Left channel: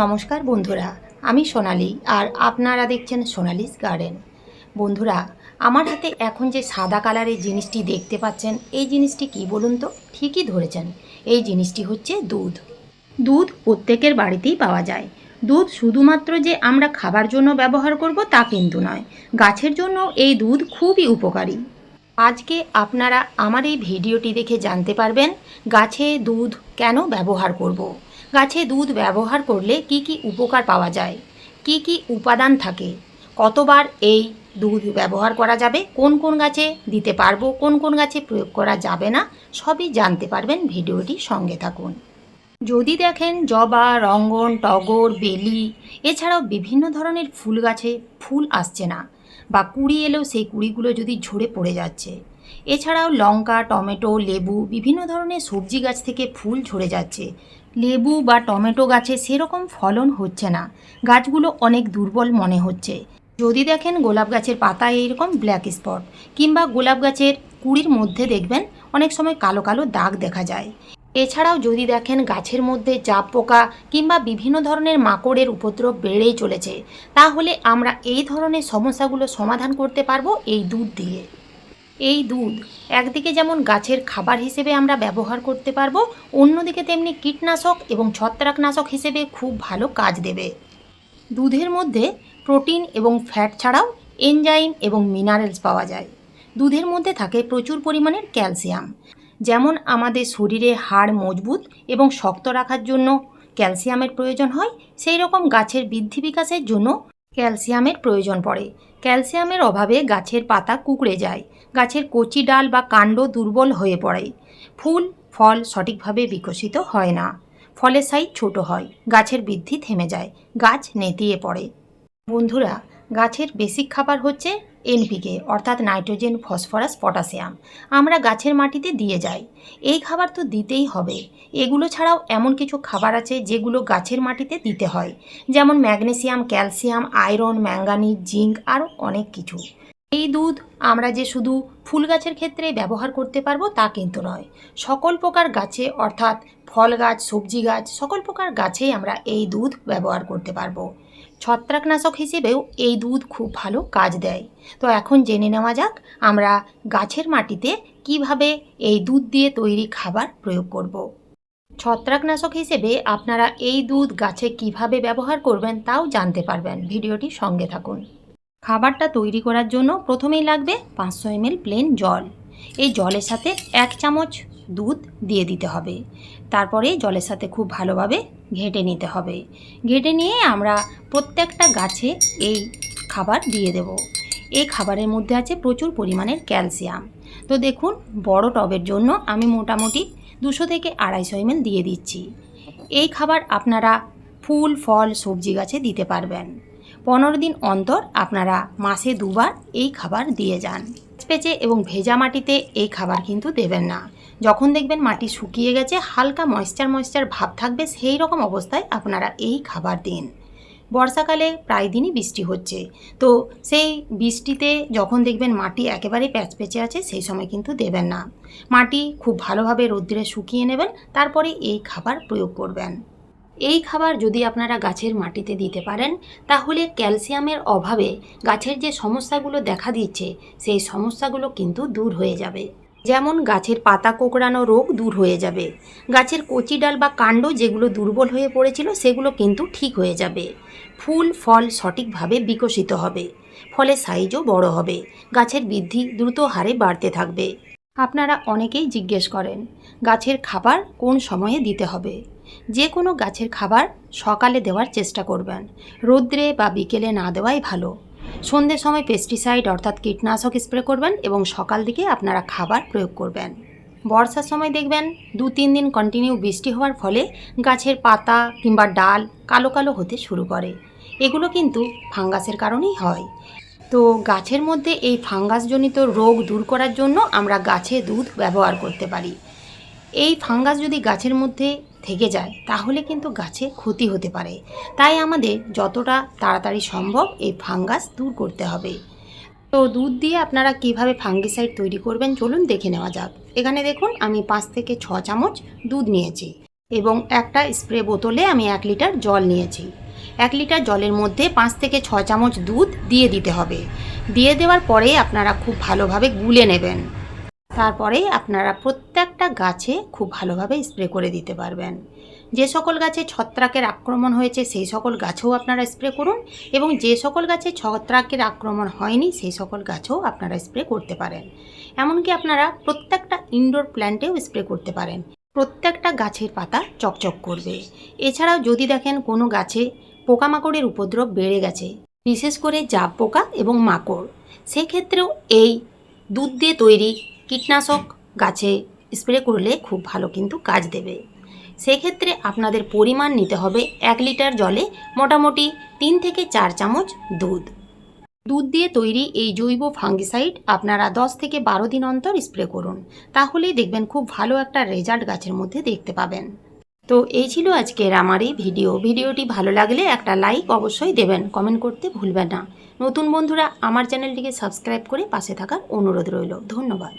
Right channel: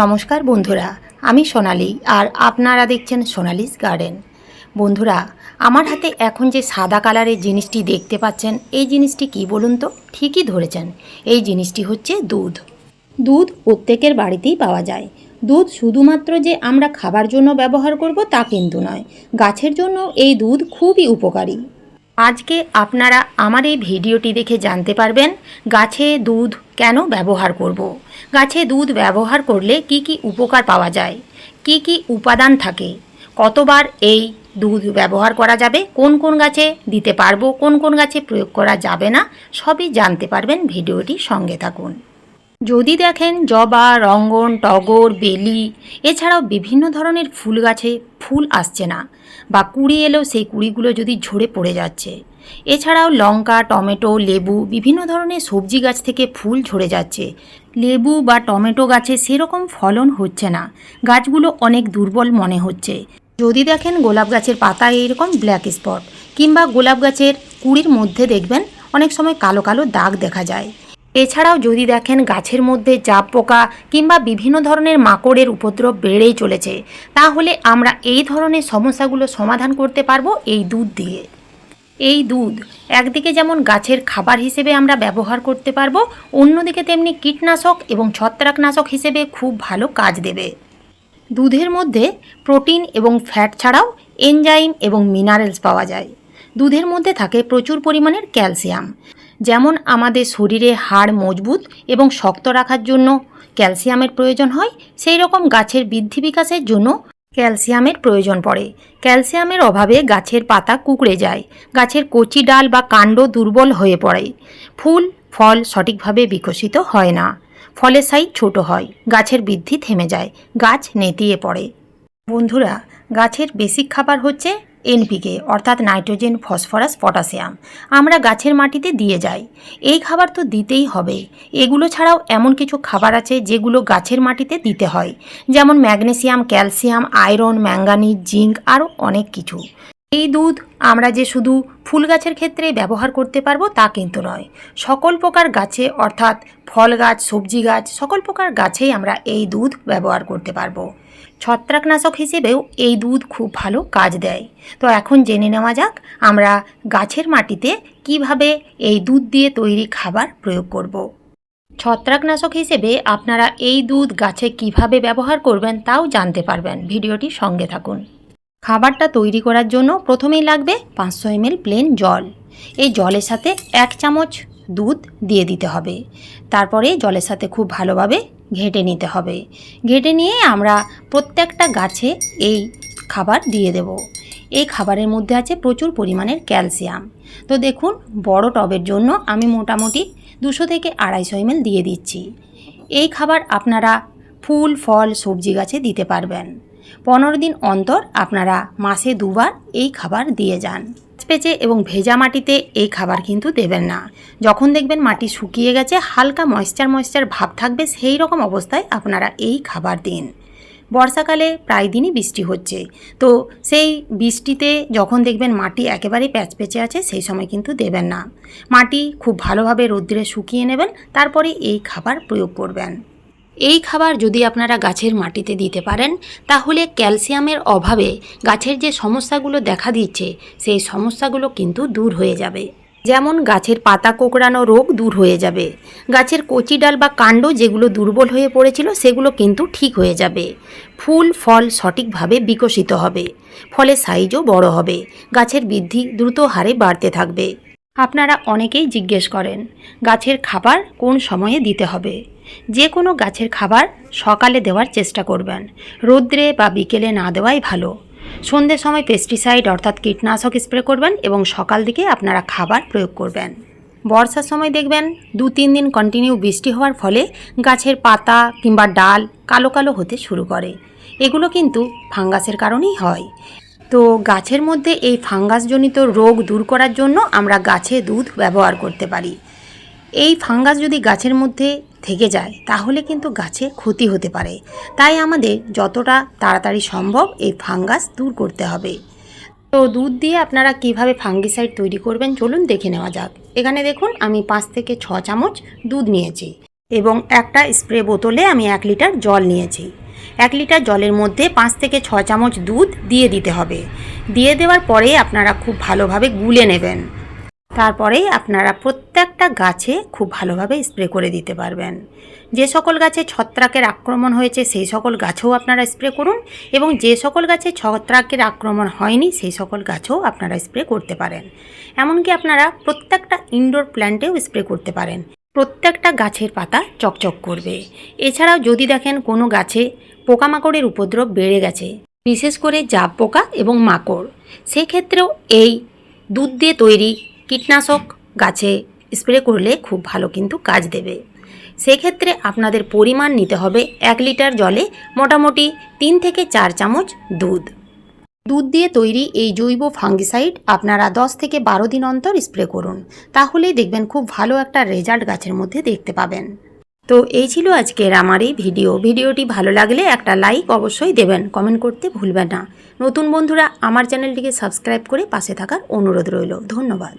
নমস্কার বন্ধুরা, আমি সোনালি আর আপনারা দেখছেন সোনালিস গার্ডেন। বন্ধুরা, আমার হাতে এখন যে সাদা কালারের জিনিসটি দেখতে পাচ্ছেন, এই জিনিসটি কি বলুন তো? ঠিকই ধরেছেন। এই জিনিসটি হচ্ছে দুধ। দুধ প্রত্যেকের বাড়িতেই পাওয়া যায়। দুধ শুধুমাত্র যে আমরা খাবার জন্য ব্যবহার করব তা কিন্তু নয়। গাছের জন্য এই দুধ খুবই উপকারী। আজকে আপনারা আমার এই ভিডিওটি দেখে জানতে পারবেন, গাছে দুধ কেন ব্যবহার করব। গাছে দুধ ব্যবহার করলে কি কি উপকার পাওয়া যায়? কি কি উপাদান থাকে? কতবার এই দুধ ব্যবহার করা যাবে? কোন কোন গাছে দিতে পারব? কোন কোন গাছে প্রয়োগ করা যাবে না? সবই জানতে পারবেন ভিডিওটি সঙ্গে থাকুন। যদি দেখেন জবা, রঙ্গন, টগর, বেলি, এছাড়াও বিভিন্ন ধরনের ফুল গাছে ফুল আসছে না বা কুড়ি এলেও সেই কুড়িগুলো যদি ঝরে পড়ে যাচ্ছে। এছাড়াও লঙ্কা, টমেটো, লেবু, বিভিন্ন ধরনের সবজি গাছ থেকে ফুল ঝরে যাচ্ছে। লেবু বা টমেটো গাছে সেরকম ফলন হচ্ছে না। গাছগুলো অনেক দুর্বল মনে হচ্ছে। যদি দেখেন গোলাপ গাছের পাতায় এইরকম ব্ল্যাক স্পট কিংবা গোলাপ গাছের কুড়ির মধ্যে দেখবেন অনেক সময় কালো কালো দাগ দেখা যায়। এছাড়াও যদি দেখেন গাছের মধ্যে জাপ পোকা কিংবা বিভিন্ন ধরনের মাকড়ের উপদ্রব বেড়েই চলেছে, তাহলে আমরা এই ধরনের সমস্যাগুলো সমাধান করতে পারব এই দুধ দিয়ে। এই দুধ একদিকে যেমন গাছের খাবার হিসেবে আমরা ব্যবহার করতে পারব, অন্যদিকে তেমনি কীটনাশক এবং ছত্রাকনাশক হিসেবে খুব ভালো কাজ দেবে। দুধের মধ্যে প্রোটিন এবং ফ্যাট ছাড়াও এনজাইম এবং মিনারেলস পাওয়া যায়। দুধের মধ্যে থাকে প্রচুর পরিমাণের ক্যালসিয়াম। যেমন আমাদের শরীরে হাড় মজবুত এবং শক্ত রাখার জন্য ক্যালসিয়ামের প্রয়োজন হয়, সেই রকম গাছের বৃদ্ধি বিকাশের জন্য ক্যালসিয়ামের প্রয়োজন পড়ে। ক্যালসিয়ামের অভাবে গাছের পাতা কুকড়ে যায়, গাছের কচি ডাল বা কাণ্ড দুর্বল হয়ে পড়ে। ফুল, ফল সঠিকভাবে বিকশিত হয় না, ফলের সাইজ ছোট হয়, গাছের বৃদ্ধি থেমে যায়, গাছ নেতিয়ে পড়ে। বন্ধুরা গাছের বেসিক খাবার হচ্ছে এনপিকে অর্থাৎ নাইট্রোজেন, ফসফরাস, পটাশিয়াম। আমরা গাছের মাটিতে দিয়ে যাই। এই খাবার তো দিতেই হবে। এগুলো ছাড়াও এমন কিছু খাবার আছে যেগুলো গাছের মাটিতে দিতে হয়। যেমন magnesium, calcium, iron, manganese, zinc, আরও অনেক কিছু। এই দুধ আমরা যে শুধু ফুল গাছের ক্ষেত্রে ব্যবহার করতে পারব তা কিন্তু নয়। সকল প্রকার গাছে, অর্থাৎ ফল গাছ, সবজি গাছ, সকল প্রকার গাছেই আমরা এই দুধ ব্যবহার করতে পারব। ছত্রাকনাশক হিসেবেও এই দুধ খুব ভালো কাজ দেয়। তো এখন জেনে নেওয়া যাক আমরা গাছের মাটিতে কীভাবে এই দুধ দিয়ে তৈরি খাবার প্রয়োগ করব। ছত্রাকনাশক হিসেবে আপনারা এই দুধ গাছে কীভাবে ব্যবহার করবেন তাও জানতে পারবেন। ভিডিওটি সঙ্গে থাকুন। খাবারটা তৈরি করার জন্য প্রথমেই লাগবে পাঁচশো এমএল প্লেন জল। এই জলের সাথে এক চামচ দুধ দিয়ে দিতে হবে। তারপরে জলের সাথে খুব ভালোভাবে ঘেটে নিতে হবে। ঘেটে নিয়ে আমরা প্রত্যেকটা গাছে এই খাবার দিয়ে দেব। এই খাবারের মধ্যে আছে প্রচুর পরিমাণের ক্যালসিয়াম। তো দেখুন, বড় টবের জন্য আমি মোটামুটি দুশো থেকে আড়াইশো এমএল দিয়ে দিচ্ছি। এই খাবার আপনারা ফুল, ফল, সবজি গাছে দিতে পারবেন। পনেরো দিন অন্তর আপনারা মাসে দুবার এই খাবার দিয়ে যান। পেঁচে এবং ভেজা মাটিতে এই খাবার কিন্তু দেবেন না। যখন দেখবেন মাটি শুকিয়ে গেছে, হালকা ময়েশ্চার ময়েশ্চার ভাব থাকবে, সেই রকম অবস্থায় আপনারা এই খাবার দিন। বর্ষাকালে প্রায় দিনই বৃষ্টি হচ্ছে। তো সেই বৃষ্টিতে যখন দেখবেন মাটি একেবারেই প্যাচপেচে আছে, সেই সময় কিন্তু দেবেন না। মাটি খুব ভালোভাবে রৌদ্রে শুকিয়ে নেবেন, তারপরে এই খাবার প্রয়োগ করবেন। এই খাবার যদি আপনারা গাছের মাটিতে দিতে পারেন, তাহলে ক্যালসিয়ামের অভাবে গাছের যে সমস্যাগুলো দেখা দিচ্ছে, সেই সমস্যাগুলো কিন্তু দূর হয়ে যাবে। যেমন গাছের পাতা কোঁকড়ানো রোগ দূর হয়ে যাবে। গাছের কচি ডাল বা কাণ্ড যেগুলো দুর্বল হয়ে পড়েছিল, সেগুলো কিন্তু ঠিক হয়ে যাবে। ফুল, ফল সঠিকভাবে বিকশিত হবে। ফলে সাইজও বড় হবে। গাছের বৃদ্ধি দ্রুত হারে বাড়তে থাকবে। আপনারা অনেকেই জিজ্ঞেস করেন, গাছের খাবার কোন সময়ে দিতে হবে? যে কোনো গাছের খাবার সকালে দেওয়ার চেষ্টা করবেন। রৌদ্রে বা বিকেলে না দেওয়াই ভালো। সন্ধ্যের সময় পেস্টিসাইড অর্থাৎ কীটনাশক স্প্রে করবেন এবং সকাল দিকে আপনারা খাবার প্রয়োগ করবেন। বর্ষার সময় দেখবেন দু তিন দিন কন্টিনিউ বৃষ্টি হওয়ার ফলে গাছের পাতা কিংবা ডাল কালো কালো হতে শুরু করে। এগুলো কিন্তু ফাঙ্গাসের কারণেই হয়। তো গাছের মধ্যে এই ফাঙ্গাসজনিত রোগ দূর করার জন্য আমরা গাছে দুধ ব্যবহার করতে পারি। এই ফাঙ্গাস যদি গাছের মধ্যে থেকে যায়, তাহলে কিন্তু গাছে ক্ষতি হতে পারে। তাই আমাদের যতটা তাড়াতাড়ি সম্ভব এই ফাঙ্গাস দূর করতে হবে। তো দুধ দিয়ে আপনারা কীভাবে ফাঙ্গিসাইড তৈরি করবেন, চলুন দেখে নেওয়া যাক। এখানে দেখুন, আমি পাঁচ থেকে ছ চামচ দুধ নিয়েছি এবং একটা স্প্রে বোতলে আমি এক লিটার জল নিয়েছি। এক লিটার জলের মধ্যে পাঁচ থেকে ছ চামচ দুধ দিয়ে দিতে হবে। দিয়ে দেওয়ার পরে আপনারা খুব ভালোভাবে গুলে নেবেন। তারপরে আপনারা প্রত্যেকটা গাছে খুব ভালোভাবে স্প্রে করে দিতে পারবেন। যে সকল গাছে ছত্রাকের আক্রমণ হয়েছে, সেই সকল গাছেও আপনারা স্প্রে করুন এবং যে সকল গাছে ছত্রাকের আক্রমণ হয়নি, সেই সকল গাছেও আপনারা স্প্রে করতে পারেন। এমনকি আপনারা প্রত্যেকটা ইনডোর প্ল্যান্টেও স্প্রে করতে পারেন। প্রত্যেকটা গাছের পাতা চকচক করবে। এছাড়াও যদি দেখেন কোনো গাছে পোকামাকড়ের উপদ্রব বেড়ে গেছে, বিশেষ করে জাব পোকা এবং মাকড়, সেক্ষেত্রেও এই দুধ দিয়ে তৈরি কীটনাশক গাছে স্প্রে করলে খুব ভালো কিন্তু কাজ দেবে। সেক্ষেত্রে আপনাদের পরিমাণ নিতে হবে এক লিটার জলে মোটামুটি তিন থেকে চার চামচ দুধ। দুধ দিয়ে তৈরি এই জৈব ফাঙ্গিসাইড আপনারা দশ থেকে বারো দিন অন্তর স্প্রে করুন। তাহলেই দেখবেন খুব ভালো একটা রেজাল্ট গাছের মধ্যে দেখতে পাবেন। তো এই ছিল আজকের আমার এই ভিডিও। ভিডিওটি ভালো লাগলে একটা লাইক অবশ্যই দেবেন, কমেন্ট করতে ভুলবেন না। নতুন বন্ধুরা আমার চ্যানেলটিকে সাবস্ক্রাইব করে পাশে থাকার অনুরোধ রইল। ধন্যবাদ।